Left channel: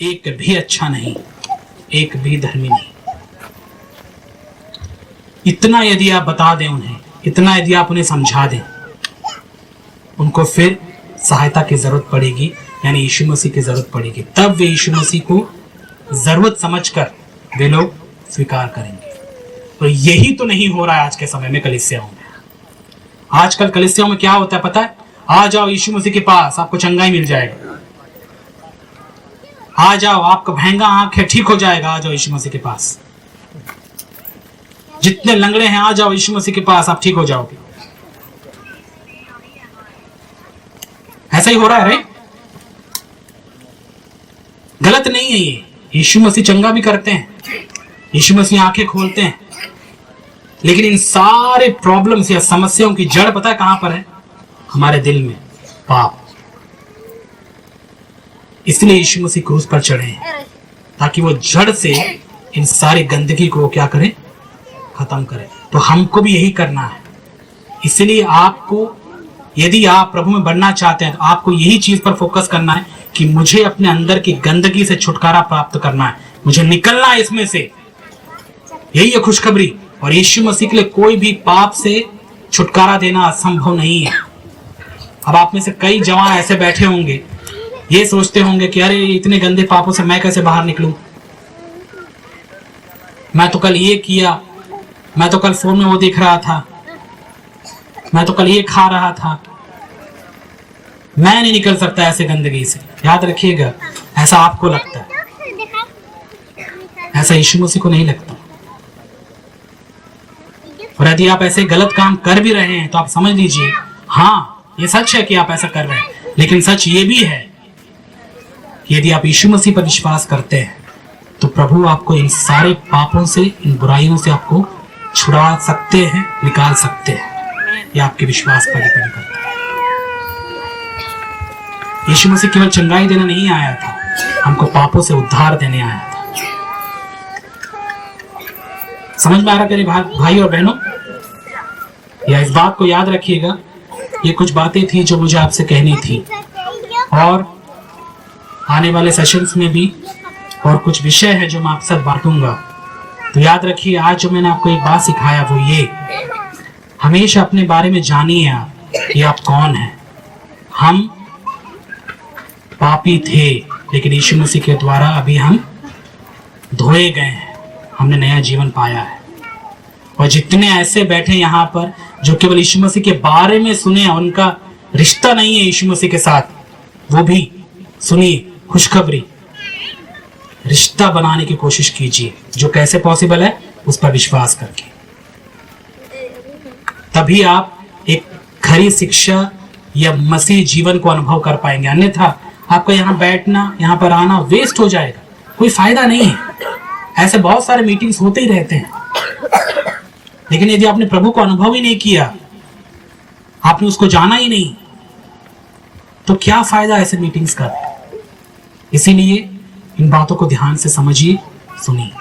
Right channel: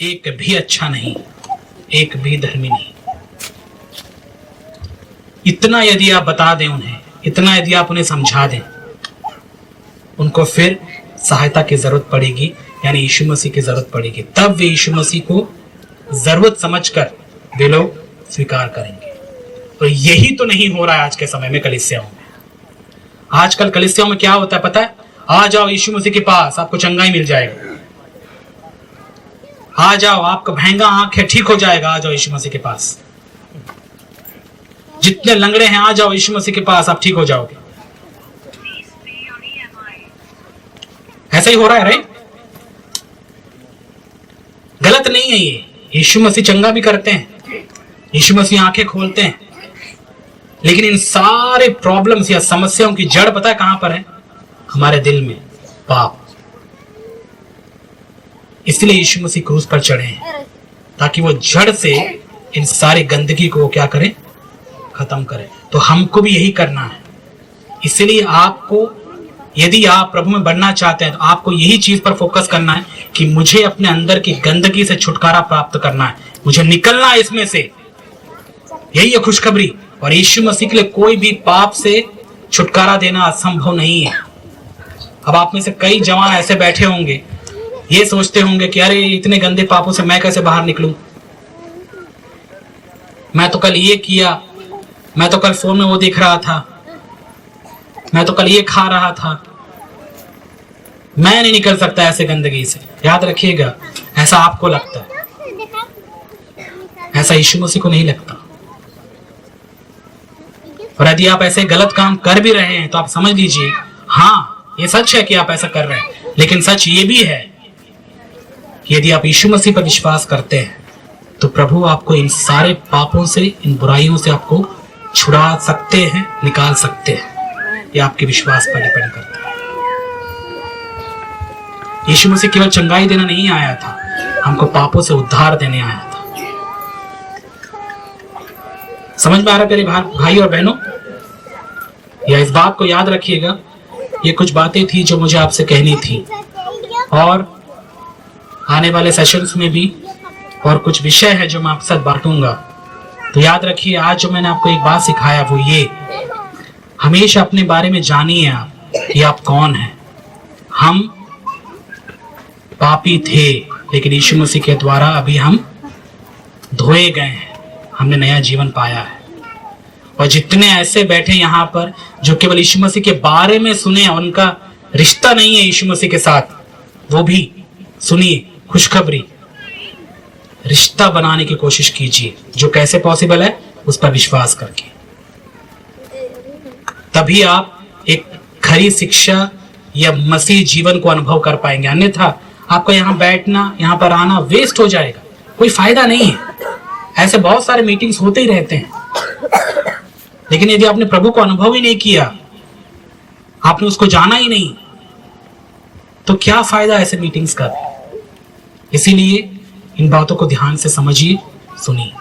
एक भी अच्छा नहीं, एक भी धर्मी नहीं। इतना यदि आप बता दें उन्हें, इतना यदि आप उन्हें समझा दें, उनको फिर सहायता की जरूरत पड़ेगी, यानी यीशु मसीह की जरूरत पड़ेगी। तब वे यीशु मसीह को जरूरत समझकर वे लोग स्वीकार करेंगे। और यही तो नहीं हो रहा है आज के समय में कलीसियाओं में। आजकल कलीसियाओं में क्या होता है पता है? आ जाओ यीशु मसीह के पास, आपको चंगाई मिल जाएगा। आ जाओ, आपका महंगा आंख है, ठीक हो जाएगा। आ जाओ यीशु मसीह के पास। जितने लंगड़े हैं आ जाओ यीशु मसीह के पास, आप ठीक हो जाओगे। ऐसा ही हो रहा है, राइट? गलत नहीं है ये। यीशु मसीह चंगा भी करते हैं, यीशु मसीह आंखें खोलते हैं, लेकिन इन सारे प्रॉब्लम्स या समस्याओं की जड़ पता है कहां पर है? हमारे दिल में, पाप। इसलिए यीशु मसीह क्रूस पर चढ़े हैं, ताकि वो जड़ से इन सारी गंदगी को क्या करें? खत्म करें। तो हमको भी यही करना है। इसलिए आपको, यदि आप प्रभु में बढ़ना चाहते हैं, तो आपको यही चीज पर फोकस करना है कि मुझे अपने अंदर की गंदगी से छुटकारा प्राप्त करना है, मुझे निकलना है इसमें से। यही है खुशखबरी। और यीशु मसीह के लिए कोई भी पाप से छुटकारा देना असंभव नहीं है। अब आप में से कई जवान ऐसे बैठे होंगे, ये सोचते होंगे कि अरे इतने गंदे पापों से मैं कैसे बाहर निकलूं? मैं तो कल ये किया, मैं तो कल फोन में वो देख रहा था, मैं तो कल ये खा रहा था, मैं नहीं निकल सकता ऐसे गंदगी से। याद रखिएगा, ऐसा आपको लगता है, ऐसा यीशु मसीह को नहीं लगता। और यदि आप ऐसे गलत काम कर भी रहे हैं तो आप समझ लीजिए, हाँ ये सच है कि आप ऐसा कर रहे हैं, लेकिन सच ये भी है कि यदि आप यीशु मसीह पर विश्वास करते हैं तो प्रभु आपको इन सारे पापों से, इन बुराइयों से आपको छुड़ा सकते हैं, निकाल सकते हैं। ये आपके विश्वास पर डिपेंड करता है। यीशु मसीह केवल चंगाई देना नहीं आया था, हमको पापों से उद्धार देने आया था। समझ में आ रहा मेरे भाई और बहनों? या इस बात को याद रखिएगा, ये कुछ बातें थी जो मुझे आपसे कहनी थी, और आने वाले सेशंस में भी और कुछ विषय है जो मैं आपके साथ बांटूंगा। तो याद रखिए, आज जो मैंने आपको एक बात सिखाया वो ये, हमेशा अपने बारे में जानिए आप कि आप कौन हैं। हम पापी थे, लेकिन यीशु मसीह के द्वारा अभी हम धोए गए हैं, हमने नया जीवन पाया है। और जितने ऐसे बैठे यहाँ पर जो केवल यीशु मसीह के बारे में सुने, उनका रिश्ता नहीं है यीशु मसीह के साथ, वो भी सुनिए खुशखबरी, रिश्ता बनाने की कोशिश कीजिए। जो कैसे पॉसिबल है? उस पर विश्वास करके। तभी आप एक खरी शिक्षा या मसीह जीवन को अनुभव कर पाएंगे। अन्यथा आपका यहाँ बैठना, यहाँ पर आना वेस्ट हो जाएगा, कोई फायदा नहीं है। ऐसे बहुत सारे मीटिंग्स होते ही रहते हैं, लेकिन यदि आपने प्रभु को अनुभव ही नहीं किया, आपने उसको जाना ही नहीं, तो क्या फायदा ऐसे मीटिंग्स का? इसीलिए इन बातों को ध्यान से समझिए, सुनिए।